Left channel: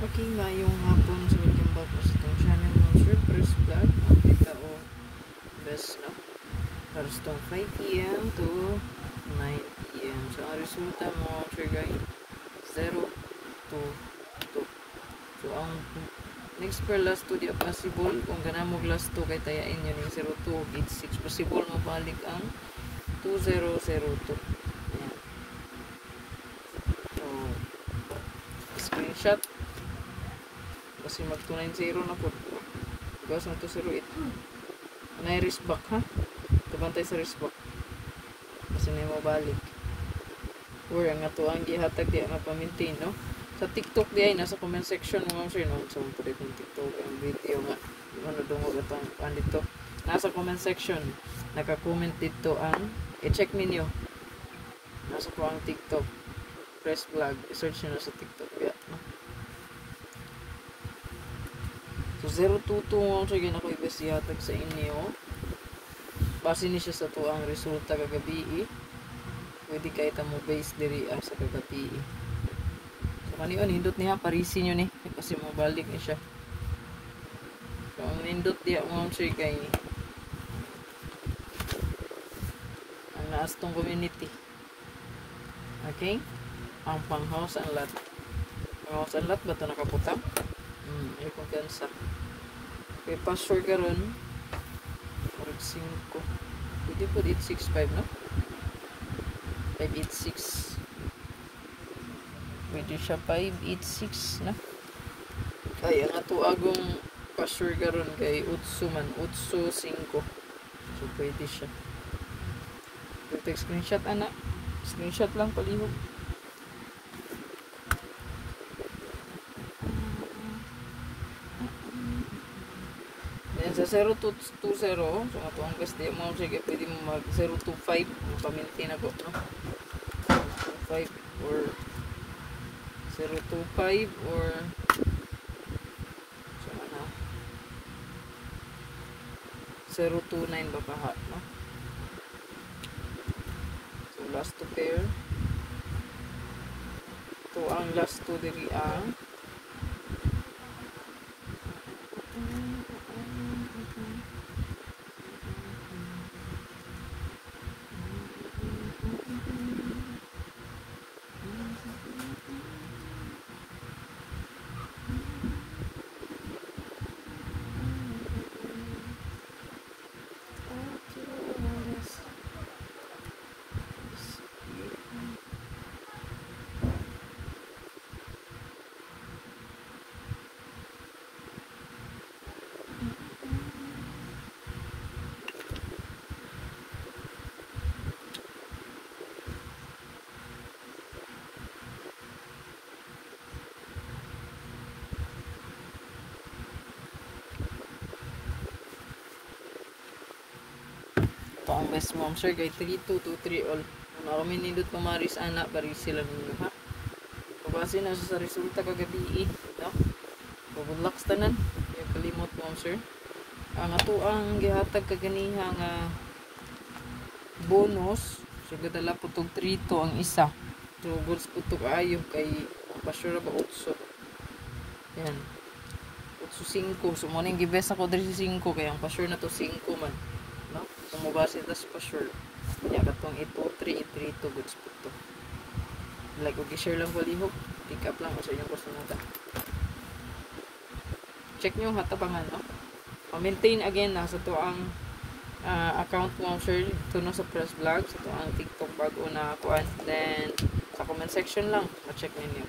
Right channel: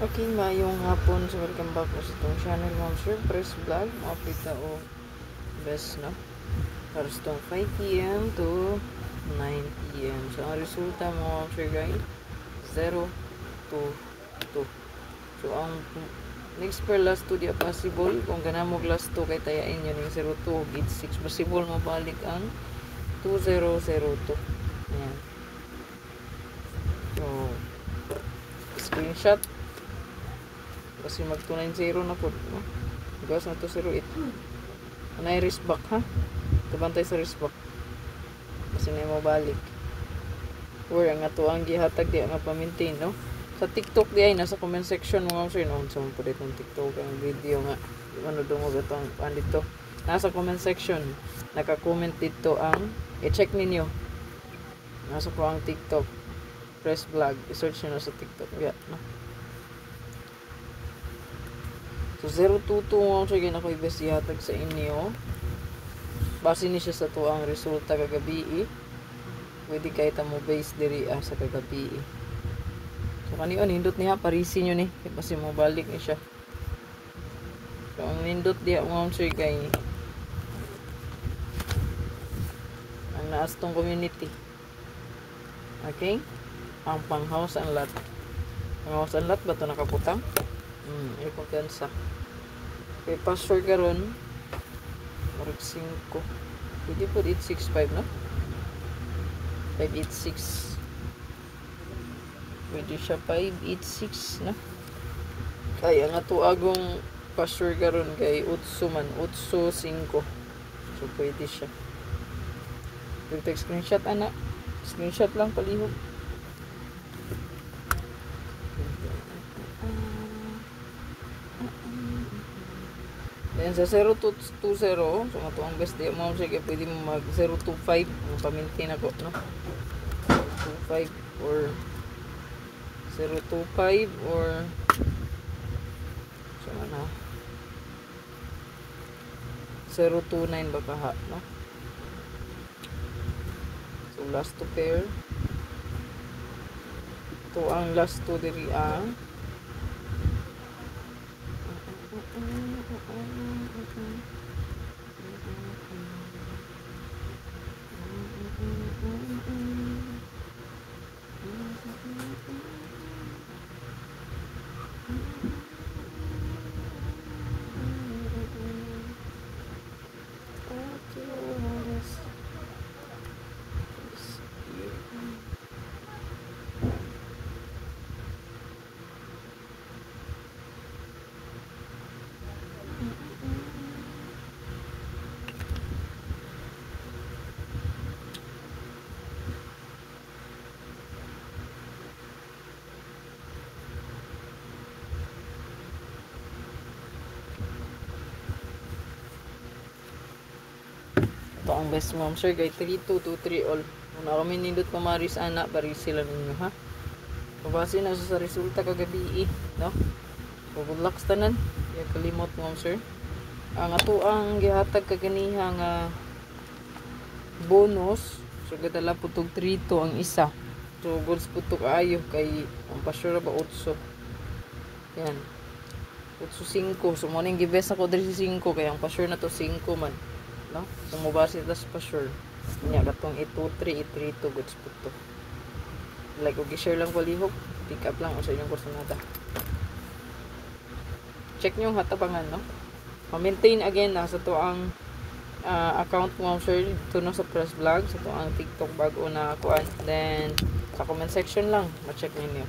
Okay, mayong hapon sa welcome back po sa itong channel Monster Press Vlog. Makita o best, no? Para sa itong 5 p.m. to 9 p.m. So, ang resulta mga Monster guys, 0 to 2. So, ang next per last 2 di possible. Kung ganamog last 2 kay tayain yun yung 0 to 8 6. Possible mabalik ang 2002. Ayan. So, screenshot. Kasi mag 290 na po. Gas na to 08. Ano yung wrist back ha? Tabantay sa wrist back. Kasi na yung mabalik. Or ang ato ang gihatag di ang mapamintain, no? Sa TikTok di ay nasa comment section mo sir, no? So, tulit ng TikTok ang video nga. Ano doon mo itong dito. Nasa comment section. Naka-comment dito ang i-check ninyo. Nasa po ang TikTok. Press vlog. I-search nyo na sa TikTok. Yeah, no? So 022 mo siya ginako ibes ihatag sa inyo. Base ni siya sa to ang resulta kagabi. Pwede kay ta mo base diri sa kagabi. So kaniyo nindot niya parisin niyo ni kasi mabalik ni siya. So ang nindot diya mo siya kay ang naas tong community. Okay? Ang pang house and lot. Ang house and lot ba to nakaputang? Ay kumpiyansa. Okay, password karon. Org 5. Pwede po 865, no? 586. Pwede siya 586, no? Kaya nga to agong password karon kay utso man. Utso 5. So, pwede siya. Pwede screenshot, anak. Screenshot lang palihog. Then sa 0220, so matong gas di mo sige pwede mo mag 025 pamintain ako, no? 025 or 025 or so ano 029 ba kaha, no? So last to pair ito ang last to diri ang ang best mom sir kay 3223 all una kami nindot pamaris anak bari sila ninyo ha pabase na sa resulta kagabi no so good luck tanan kay kalimot mom sir ang ato ang gihatag kaganiha nga bonus so gadala putog 3 to ang isa so goods putog ayo kay ang pasura ba 8 yan 8-5 so morning gibes ako diri sa 5 kay ang pasura na to 5 man no? Kung mabasa ito pa sure kanya katong 823 832 goods po to like og i-share lang palihog pick up lang o sa inyong personata check nyo hatabangan no ma-maintain again na sa to ang account mo sure tuno sa press vlog sa to ang TikTok bago na kuan then sa comment section lang ma-check ninyo